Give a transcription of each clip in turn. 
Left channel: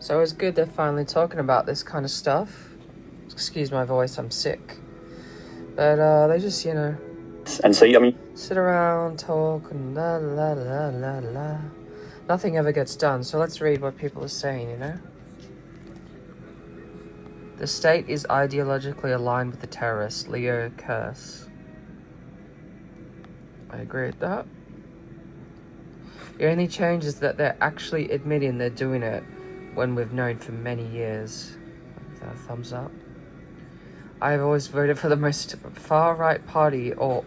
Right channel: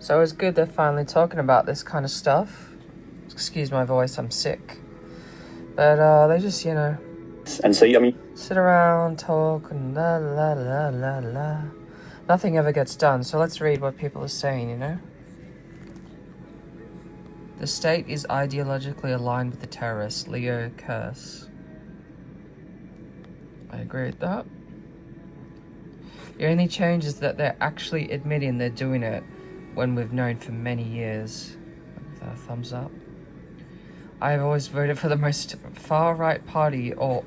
So it's good they're finally talking about this kind of stuff. Excuse my voice, I'm sick. But they just, And so, I mean, sit around, talk, and la la la la la. Nothing ever gets done, so let's read what people are saying, The state is ideologically aligned with the terrorists. Leo Curse. I agree with that. The only change is that they're actually admitting they're doing it when we've known for many years. Thumbs up. I have always voted for the most far-right party or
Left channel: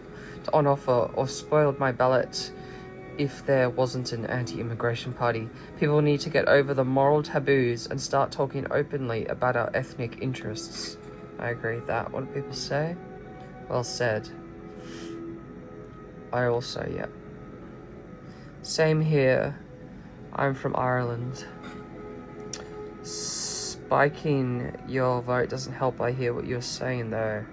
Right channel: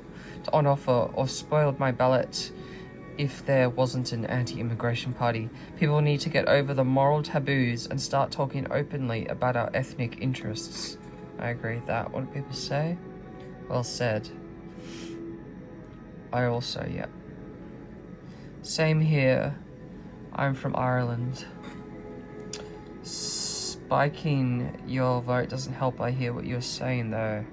on offer, or spoiled my ballot if there wasn't an anti-immigration party. People need to get over the moral taboos and start talking openly about our ethnic interests. I agree with that. What do people say? Well said. I also, yep. Same here. I'm from Ireland. Spiking your vote doesn't help. I hear what you're saying though.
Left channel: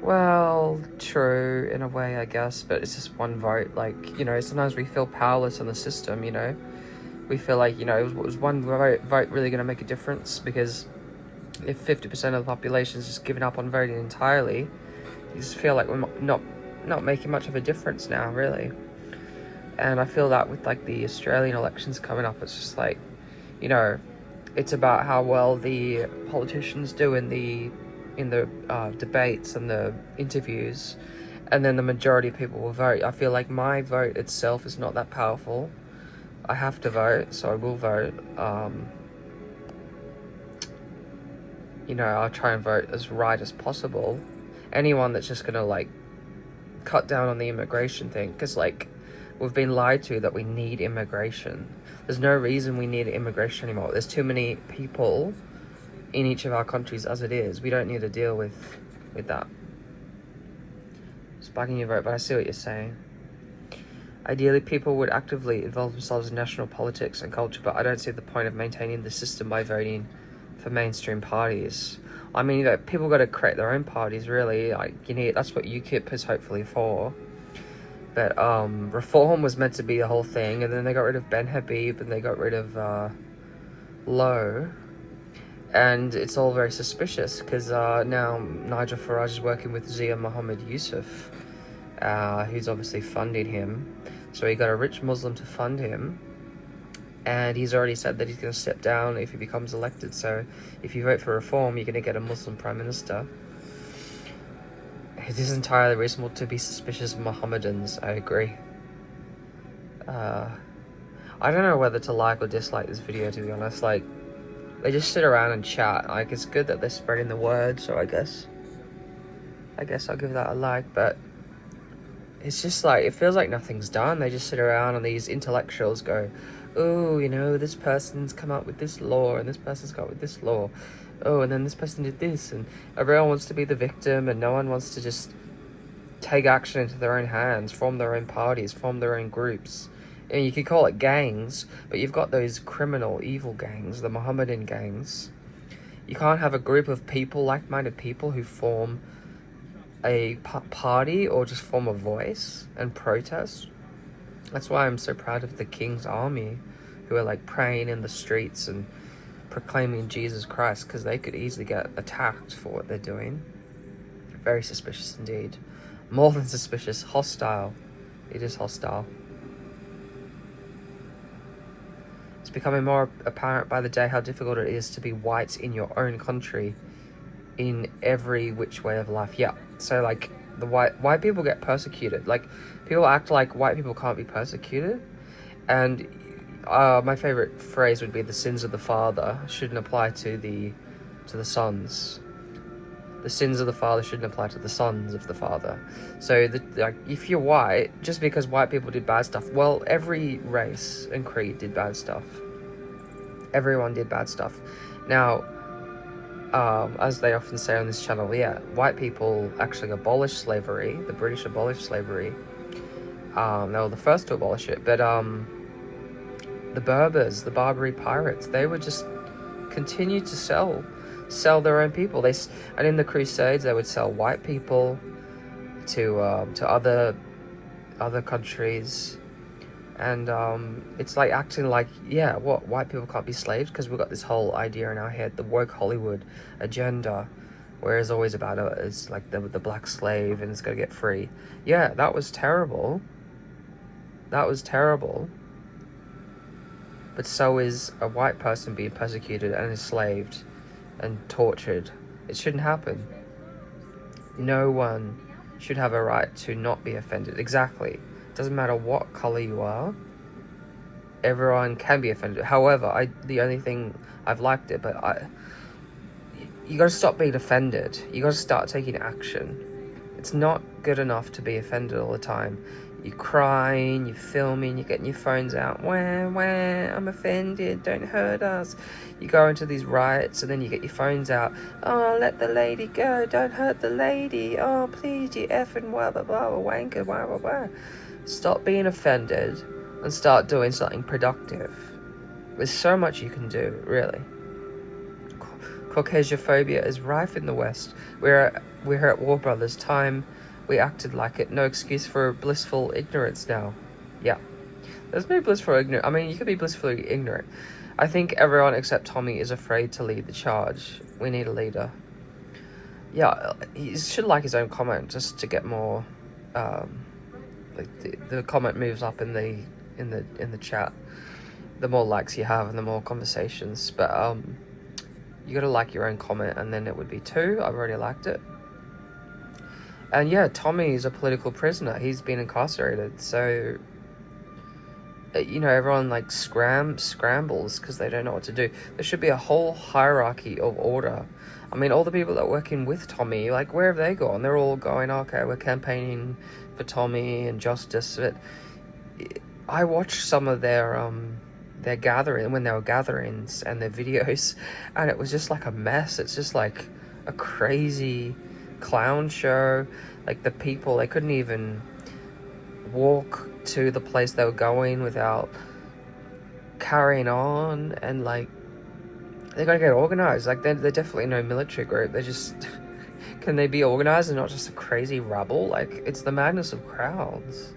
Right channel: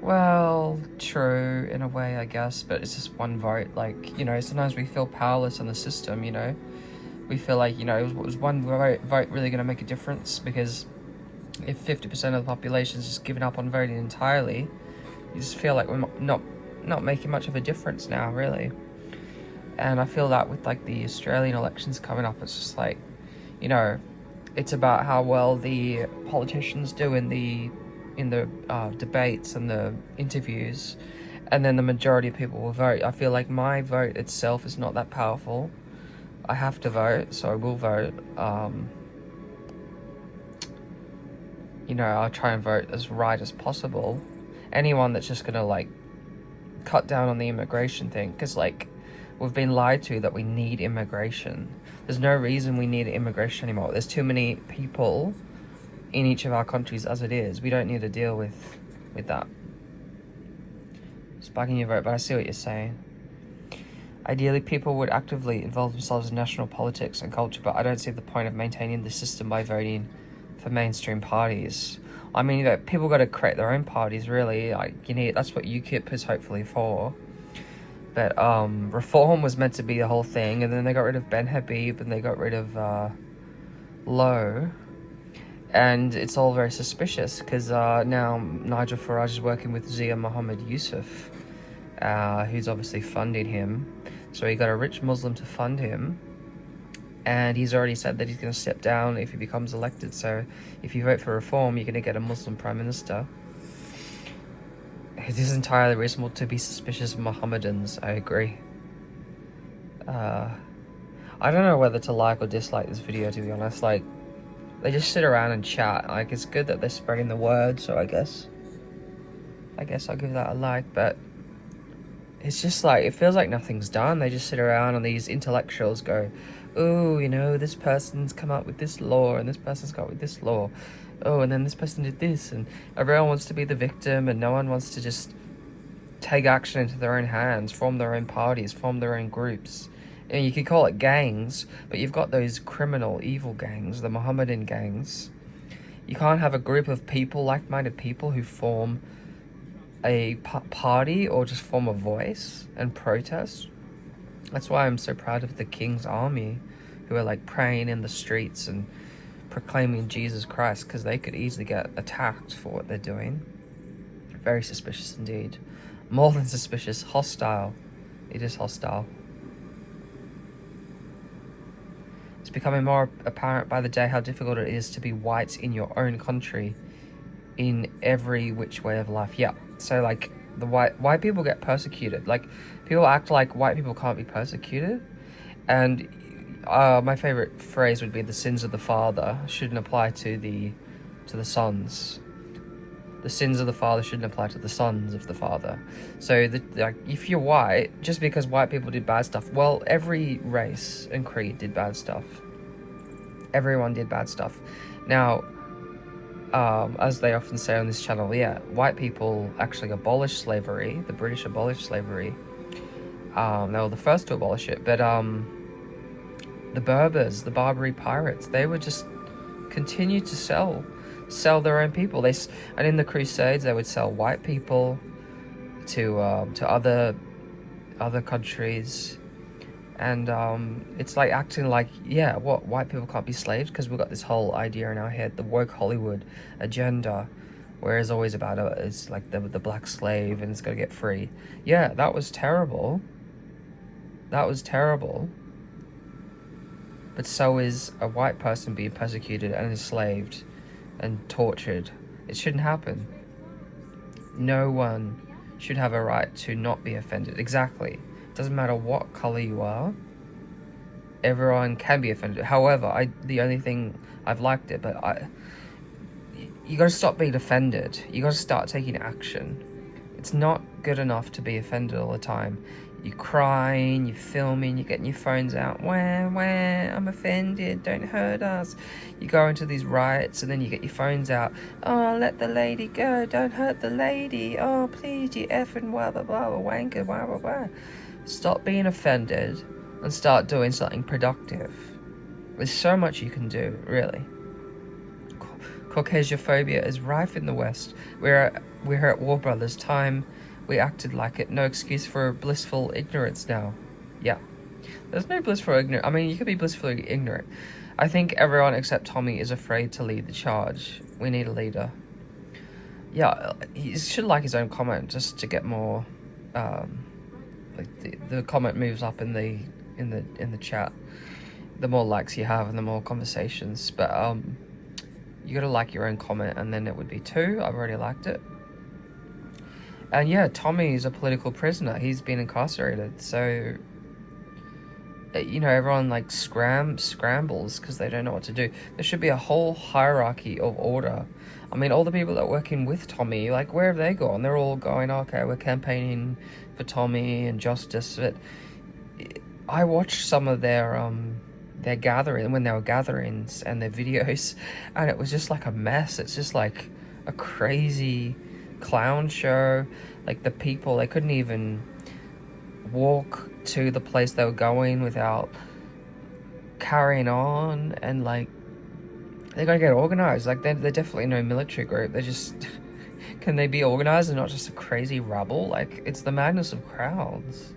Well, true in a way, I guess, but it's just one vote. Like, sometimes we feel powerless in the system, We feel like, was one vote really going to make a difference? Because if 50% of the population is just giving up on voting entirely, you just feel like we're not making much of a difference now, really. And I feel that with, like, the Australian elections coming up, it's just like, it's about how well the politicians do in the debates and the interviews, and then the majority of people will vote. I feel like my vote itself is not that powerful. I have to vote, so I will vote. I'll try and vote as right as possible. Anyone that's just gonna, like, cut down on the immigration thing, because, like, we've been lied to that we need immigration. There's no reason we need immigration anymore. There's too many people in each of our countries as it is. We don't need to deal with that. Spiking your vote, but I see what you're saying. Ideally, people would actively involve themselves in national politics and culture, but I don't see the point of maintaining the system by voting for mainstream parties. I mean, people got to create their own parties, really. Like, that's what UKIP is hopefully for. But reform was meant to be the whole thing, and then they got rid of Ben Habib, and they got rid of Lowe. And it's all very suspicious, because now Nigel Farage is working with Zia Mohammed Yusuf, who's obviously funded him. So he got a rich Muslim to fund him, and he's already said that he's going to step down if he becomes elected. So if you vote for reform, you're going to get a Muslim prime minister. It is entirely reasonable to be suspicious of Mohammedans, I agree. I don't know whether to like or dislike this video, to be honest. Like, they just sit around and chat. Like, it's good that they're spreading the word, so I guess I'll give that a like, but it's just like, it feels like nothing's done. They just sit around and these intellectuals go, oh, this person's come up with this law, and this person's come up with this law. Oh, and then this person did this, and everyone wants to be the victim, and no one wants to just take action into their own hands, form their own parties, form their own groups. And you could call it gangs, but you've got those criminal, evil gangs, the Mohammedan gangs. You can't have a group of people, like-minded people, who form a party or just form a voice and protest. That's why I'm so proud of the King's Army, who are, like, praying in the streets and proclaiming Jesus Christ, because they could easily get attacked for what they're doing. Very suspicious indeed. More than suspicious, hostile. It is hostile. It's becoming more apparent by the day how difficult it is to be white in your own country, in every which way of life. Yeah, so, like, the white people get persecuted. Like, people act like white people can't be persecuted, and my favorite phrase would be the sins of the father shouldn't apply to the sons. The sins of the father shouldn't apply to the sons of the father. So, like, if you're white, just because white people did bad stuff, well, every race and creed did bad stuff. Everyone did bad stuff. Now, as they often say on this channel, yeah, white people actually abolished slavery. The British abolished slavery. They were the first to abolish it, but the Berbers, the Barbary pirates, they would just continue to sell their own people. And in the Crusades, they would sell white people to other countries, And it's like acting like, yeah, what, white people can't be slaves because we've got this whole idea in our head, the woke Hollywood agenda, whereas always about it is like the black slave and it's gonna get free. Yeah, that was terrible. That was terrible. But so is a white person being persecuted and enslaved and tortured. It shouldn't happen. No one should have a right to not be offended. Exactly. It doesn't matter what color you are. Everyone can be offended. However, the only thing I've liked it, but you got to stop being offended. You got to start taking action. It's not good enough to be offended all the time. You're crying, you're filming, you're getting your phones out. Wah, I'm offended, don't hurt us. You go into these riots and then you get your phones out. Oh, let the lady go, don't hurt the lady. Oh, please, you effing blah, blah, blah, wanker, blah, blah, blah. Stop being offended and start doing something productive. There's so much you can do, really. Caucasophobia is rife in the West. We're at War Brothers time. We acted like it. No excuse for blissful ignorance now. Yeah. There's no blissful ignorance. I mean, you could be blissfully ignorant. I think everyone except Tommy is afraid to lead the charge. We need a leader. Yeah, he should like his own comment just to get more. Like the comment moves up in the chat. The more likes you have and the more conversations. But you gotta like your own comment, and then it would be 2. I've already liked it. And yeah, Tommy is a political prisoner. He's been incarcerated. So, you know, everyone like scrambles because they don't know what to do. There should be a whole hierarchy of order. I mean, all the people that are working with Tommy, like, where have they gone? They're all going, okay, we're campaigning for Tommy and justice. But I watched some of their gathering, when they were gatherings and their videos, and it was just like a mess. It's just like a crazy clown show. Like, the people, they couldn't even walk to the place they were going without carrying on, and like, they gotta get organized. Like, they're definitely no military group. They're just can they be organized and not just a crazy rabble? Like, it's the madness of crowds.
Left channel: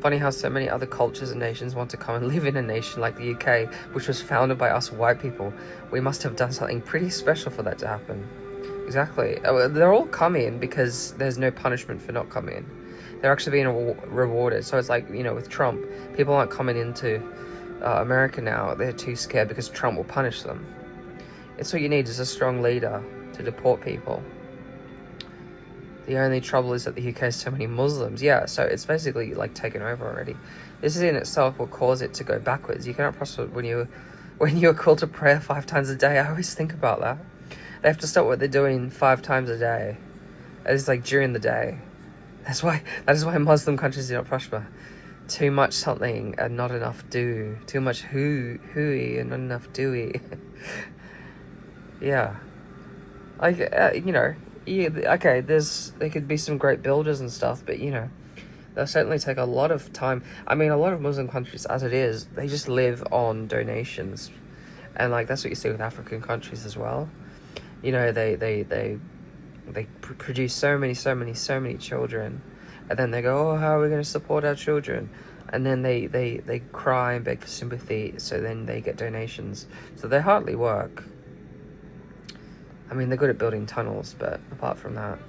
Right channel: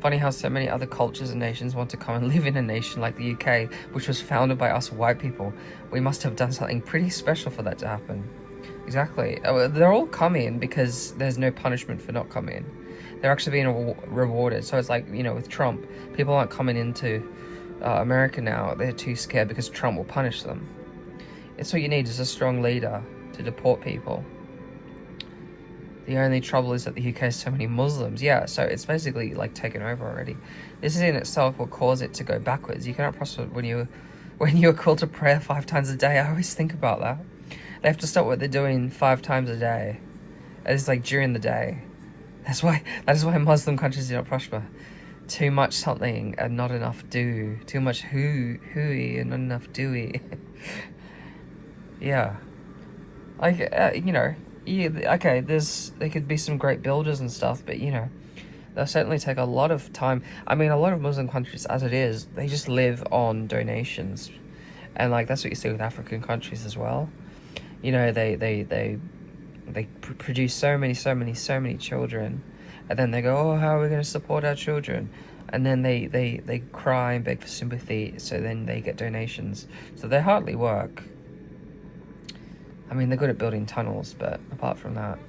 Funny how so many other cultures and nations want to come and live in a nation like the UK, which was founded by us white people. We must have done something pretty special for that to happen. Exactly. They're all coming because there's no punishment for not coming. They're actually being rewarded. So it's like, you know, with Trump, people aren't coming into America now. They're too scared because Trump will punish them. It's what you need, is a strong leader to deport people. The only trouble is that the UK has so many Muslims. Yeah, so it's basically like taken over already. This in itself will cause it to go backwards. You cannot prosper when you're called to prayer 5 times a day. I always think about that. They have to stop what they're doing 5 times a day. It's like during the day. That is why Muslim countries do not prosper. Too much something and not enough do. Too much hooey and not enough doey. Yeah. Like, you know, yeah, okay, there could be some great builders and stuff, but, you know, they'll certainly take a lot of time. I mean, a lot of Muslim countries, as it is, they just live on donations. And, like, that's what you see with African countries as well. You know, they produce so many children, and then they go, oh, how are we going to support our children? And then they cry and beg for sympathy, so then they get donations. So they hardly work. I mean, they're good at building tunnels, but apart from that,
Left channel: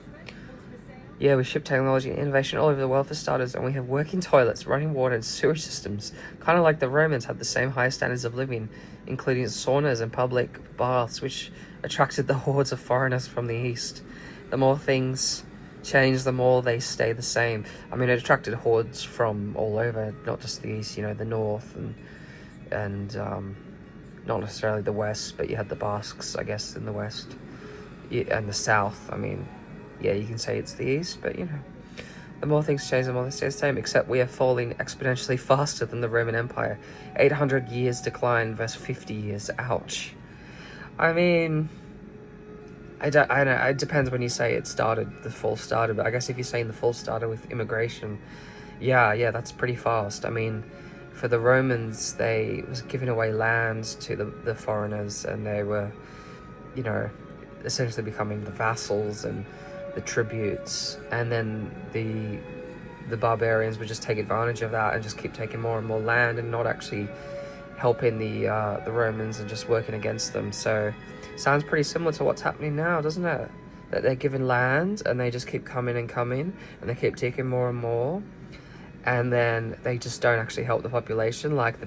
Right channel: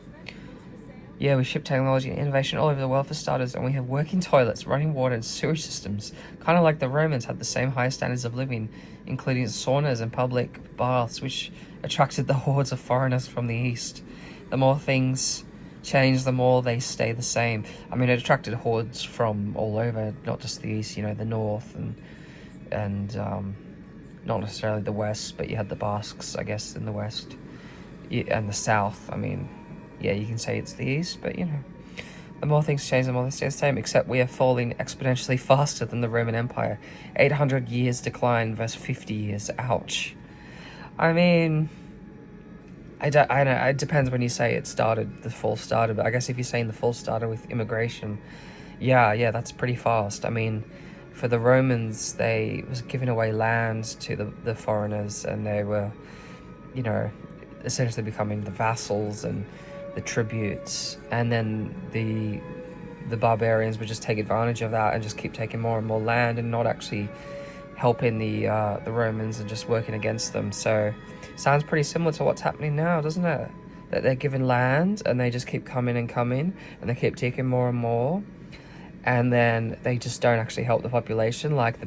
yeah, we ship technology and innovation all over the world for starters, and we have working toilets, running water and sewage systems, kind of like the Romans had the same high standards of living, including saunas and public baths, which attracted the hordes of foreigners from the east. The more things change, the more they stay the same. I mean, it attracted hordes from all over, not just the east, you know, the north and not necessarily the west, but you had the Basques, I guess, in the west, and the south. I mean, yeah, you can say it's the east, but, you know, the more things change, the more they stay the same, except we are falling exponentially faster than the Roman Empire. 800 years decline versus 50 years. Ouch. I mean, I don't know, it depends when you say it started, the fall started, but I guess if you're saying the fall started with immigration, yeah, that's pretty fast. I mean, for the Romans, they was giving away lands to the foreigners, and they were, you know, essentially becoming the vassals and the tributes, and then the barbarians would just take advantage of that and just keep taking more and more land and not actually helping the Romans and just working against them. So sounds pretty similar to what's happening now, doesn't it? That they're given land and they just keep coming and coming and they keep taking more and more, and then they just don't actually help the population like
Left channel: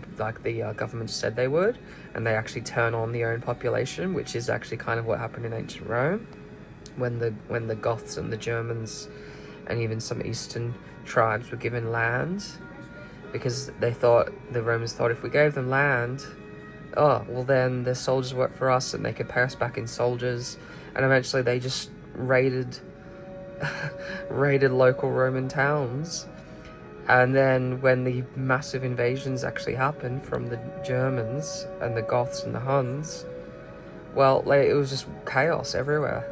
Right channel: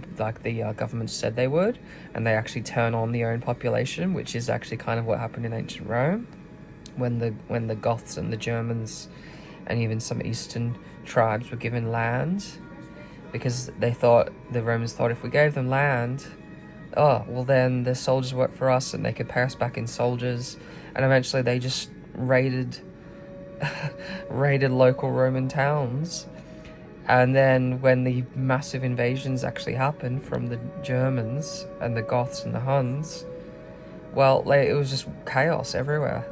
the government said they would, and they actually turn on the own population, which is actually kind of what happened in ancient Rome when the Goths and the Germans and even some eastern tribes were given land, because the Romans thought if we gave them land, oh well, then the soldiers work for us and they could pay us back in soldiers, and eventually they just raided local Roman towns. And then when the massive invasions actually happened from the Germans and the Goths and the Huns, well, it was just chaos everywhere.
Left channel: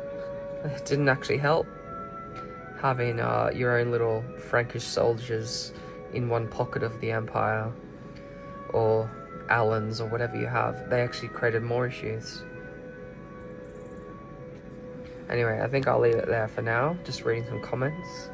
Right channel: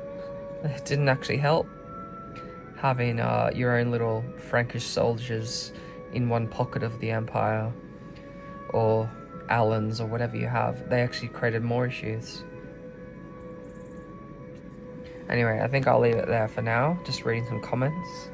It didn't actually help having your own little Frankish soldiers in one pocket of the empire, or Allans, or whatever you have. They actually created more issues. Anyway, I think I'll leave it there for now, just reading some comments.